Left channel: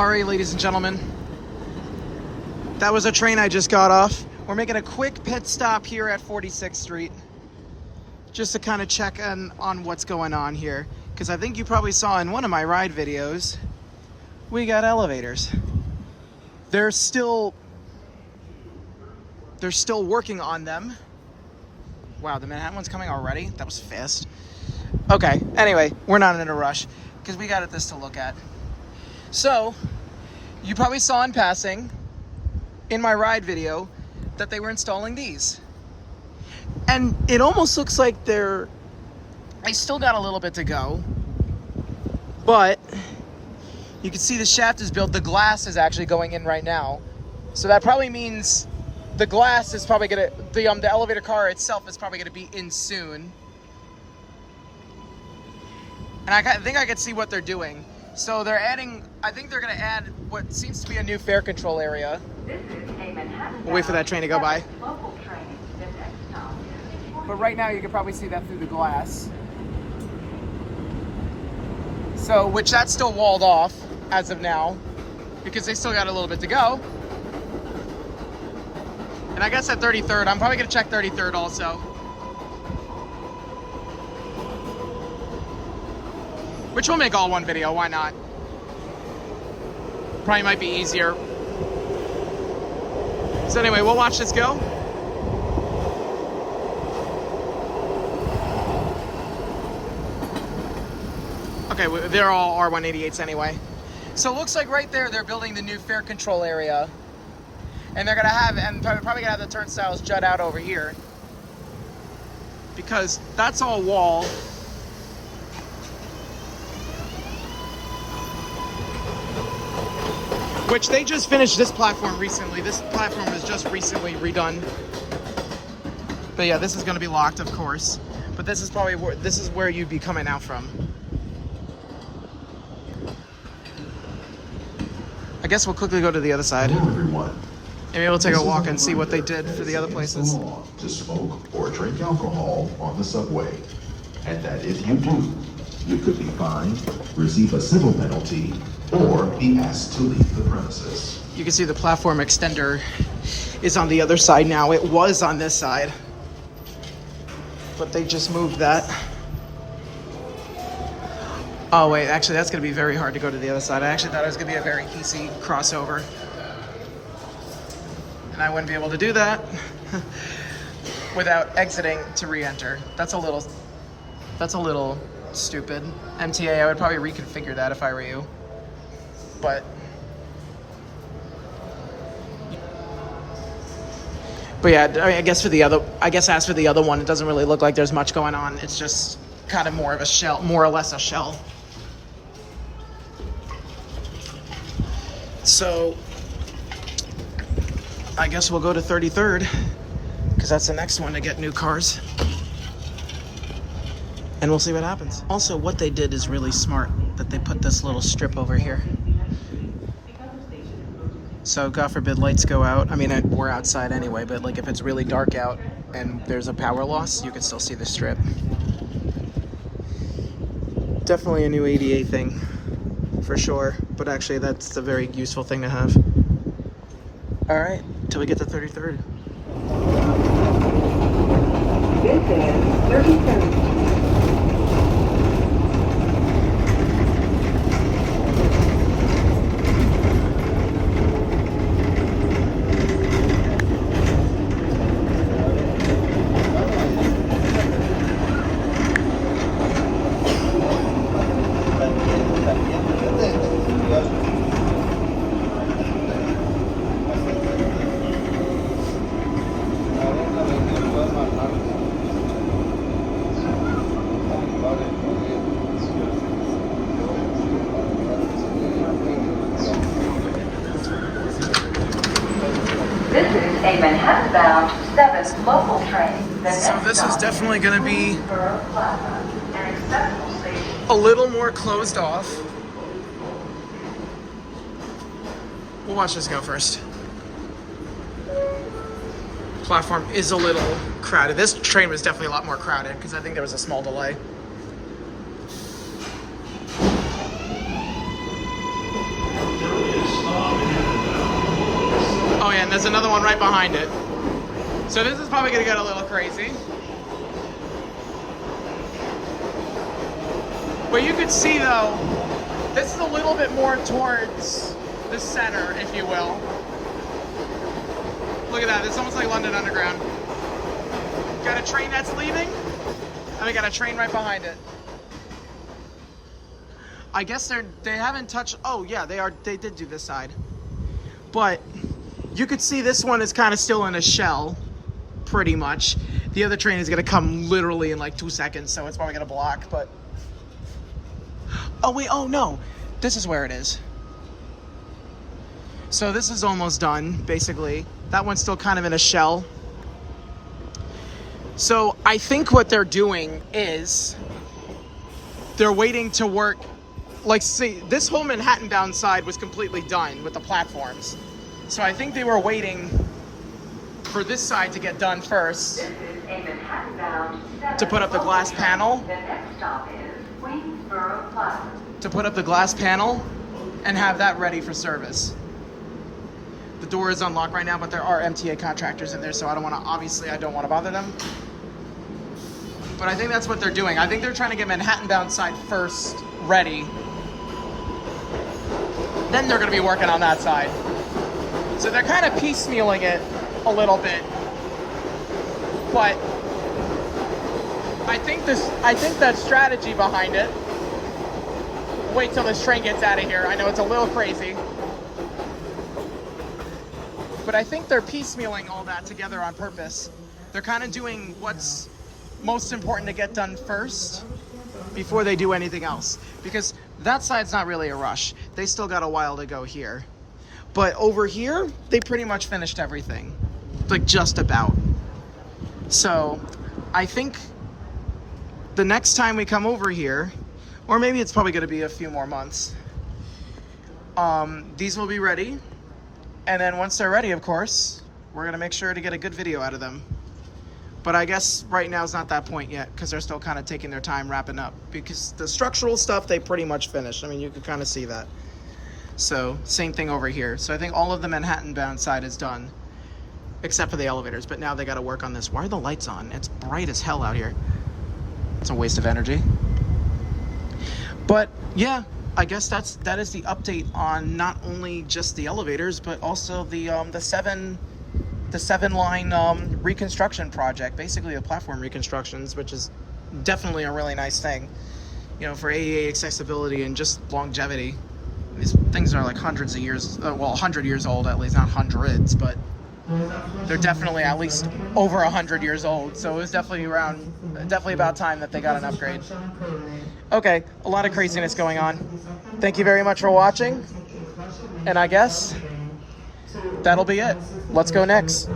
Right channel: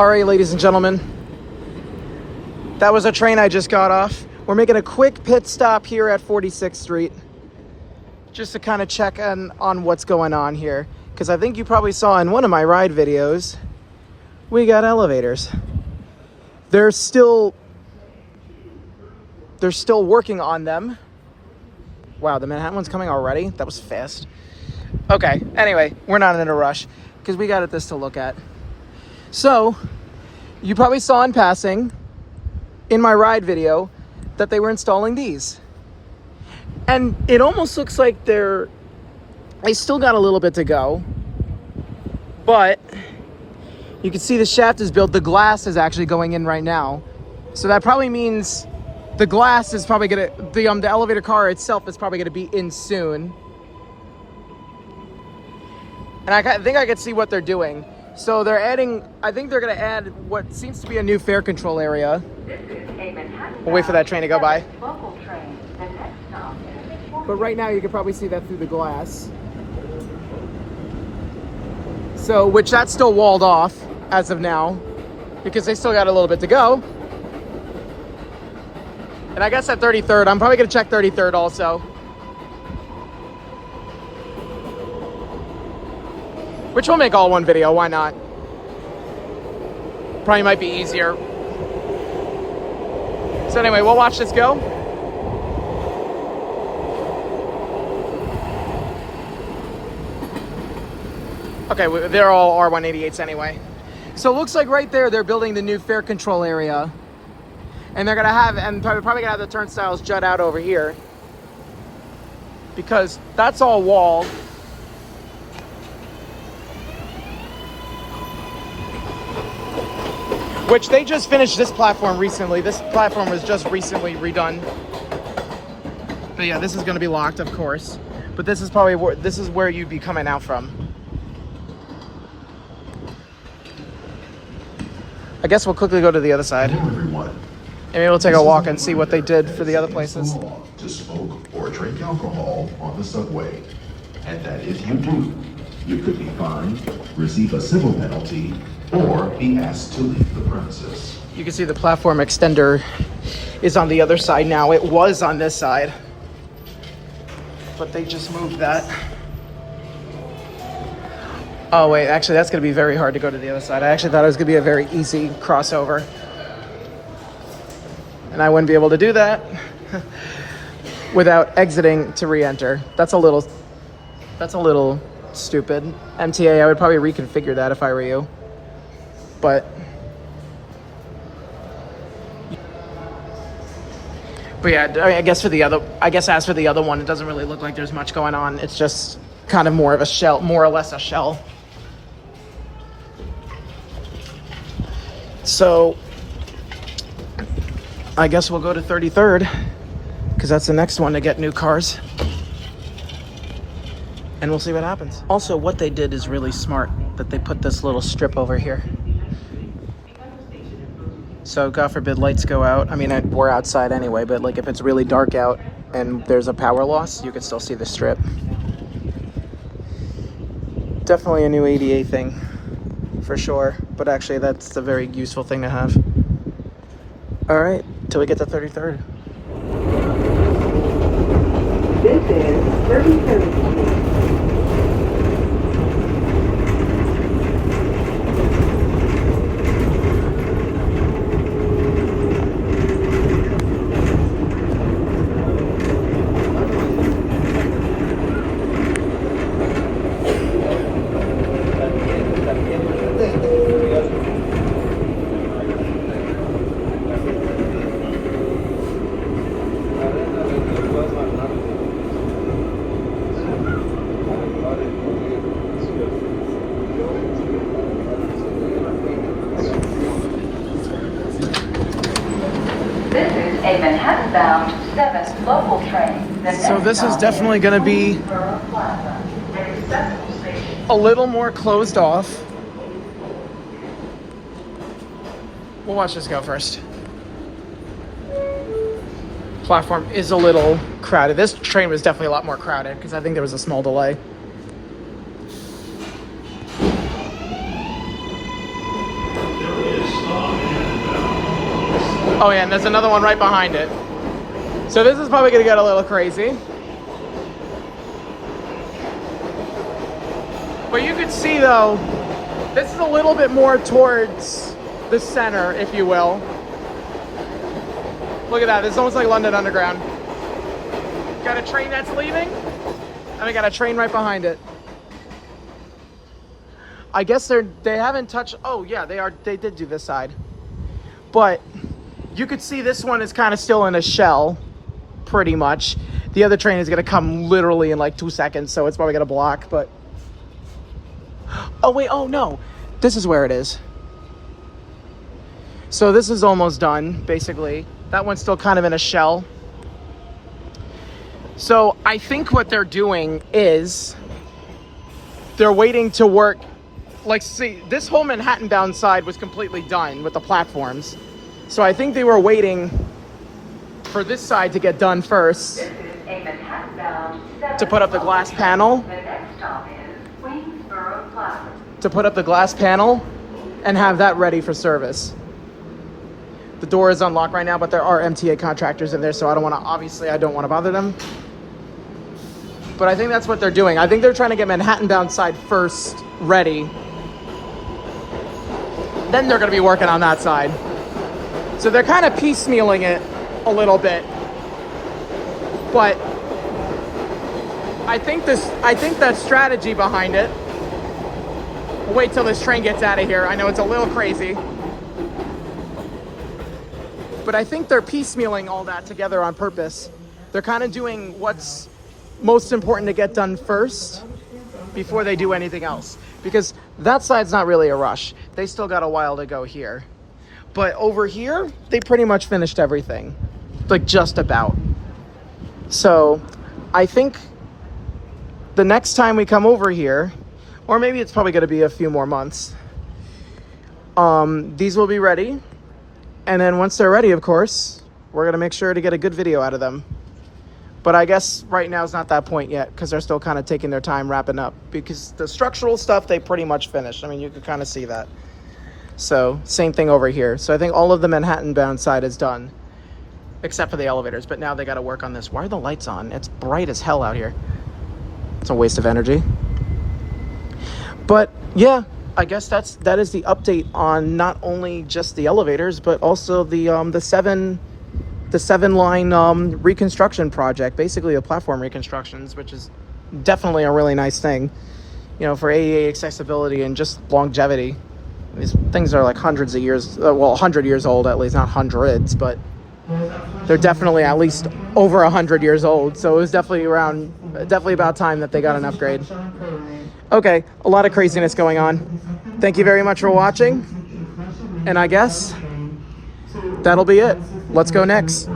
All right, ladies and gentlemen, that was a train I just got off. We're making a quick pit stop here at 46th Street just to kind of check on what's going on here. Because I think you probably saw in one of my ride videos, we got elevators. They're still working on them. Wow, the Manhattan one's coming already? That was fast. Okay, anyway, we're not in a rush because we got this to look at. So, you probably saw in passing in my ride video that they were installing these. And it almost looks like they still got a little bit to go. But you can see the shaft is built. The glass is actually going in right now. So that probably means the glass is probably gonna, the elevator car itself is probably gonna be in soon. And I think I could see what they're doing. So they're adding, I think they're gonna add what seems to be a new fare control area. We'll wait for that train to go by. But right now you can probably see that through the glass. So, which that's still walled off as of now, because they still got a little bit to go. And I guess at 33rd, I'm probably gonna check 33rd also. Which will make all one video, why not? Probably might be easier. So anyway, we'll watch this go. Okay, they're all R188s anyway. So it looks like right there, they're building the new fare control area. And they're gonna have, and probably gonna have the turnstiles jut out over here. Because that's all wall. Which they just finished this platform recently. This platform was just recently redone. But yeah, this is gonna be locked, of course. But this is probably where you'd be coming out from. I guess we'll quickly go to the other side. Hello, everyone. And maybe we'll take a walk and see what they did for the other places. To smoke or drink alcohol on the subway. And that if you do, you could be fined, receive a civil penalty, or be asked to leave the premises. You can see the platform extender is on the other side now. It was on this side, but they just moved that. Oh wait, actually that's gonna be very hard to go to the other side. I actually thought it was gonna be a very easy crossover. And I wouldn't be able to do that without exiting to re-enter. That's a little stupid. MTA, I would probably reconfigure that if I were you. But yeah, I mean, I guess as for the other one, it doesn't really look like there's much going on. It's just kind of more of a shell, more or less a shell. So I guess we'll go to 33rd because that's the next one to get new cars. And we'll see what happens. Also, what they did is really smart, that they put this little strip over here. So God forbid lights go out. I mean, we're outside anyway, but like if it's really dark out and there's a power loss, you can still see the strip. Definitely a new ADA thing, for sure. But actually, that's a very useful thing to have. All right, till we get to 33rd. This is 33rd. A Manhattan-bound 7th local train. So this is definitely going to be a little more closed off. We'll watch this go first. Platform is a little crowded. This train was definitely a lot more crowded because I think there was a small delay. Oh yeah, and there's another one right behind it. So this is probably gonna get a little crazy. But you can see though, this is a little bit more towards the center, if you will. Look at that, it's almost like London Underground. Got a train that's leaving, and we got a train right behind it. I guess they haven't touched, oh yeah, they did do this side. But you could see this one is kind of still in a shell, pretty much. The other train is gonna come literally in like 2 seconds, so it's probably gonna block, but. Oh wait, oh no, this is where it is. So this is almost done, basically. That one's still kind of in a shell. So I think what they're doing is they're waiting to work. Like, see, this whole Manhattan bound side was completely done with the platforms. So I think they were waiting for this side to get done first. This is a Manhattan bound To put up the glass panel. The next stop is Queensboro Plaza. To put up the glass panel and have that ready for service. The door is unlocked right now, but there are MTA contractors in there, so I don't want to bother them. But I think that's what they're doing. I think they're trying to get Manhattan bound side first ready. Then they're going to be working on that side. So they're kind of piecemealing it a little bit. But I think that strategy behind it. Wait till this train gets out of here. I know it's a little crazy. But I think they're piecemealing all that together on purpose. They're kind of doing what's most important to get done first before they do anything else. Because that side's not really a rush. They still got a while to go here. But over here, they pretty much finished everything. Like, just about. So I think the next time we come over here, or maybe it's probably going to be a few more months, these will be ready. And then once they're ready, of course, we're going to make sure to get a good video out of them. But I guess right now is not that point yet, because they're still kind of taking their time wrapping up. Because the structural stuff, they pretty much finished. I mean, you could kind of see that. So, same thing over here. So I think all of the Manhattan-bound side is done, except for the elevators. But now they got to work on this. Why are the lights on? It's bright as hell out here. It's a waste of energy. But, yeah, I guess that is the update on not only just the elevators, but also the seven line reconstruction project, basically a platform reconstructions, which is definitely a really nice thing, you know, for ADA accessibility and just longevity. These things are like hundreds of years, well, 100 years old at least, not hundreds, but they're definitely at least over 100 years old. So it was definitely about time that they got an upgrade. Okay, a lot of craziness going on. Thank you very much for watching, and I guess that'll be it. Let's go next.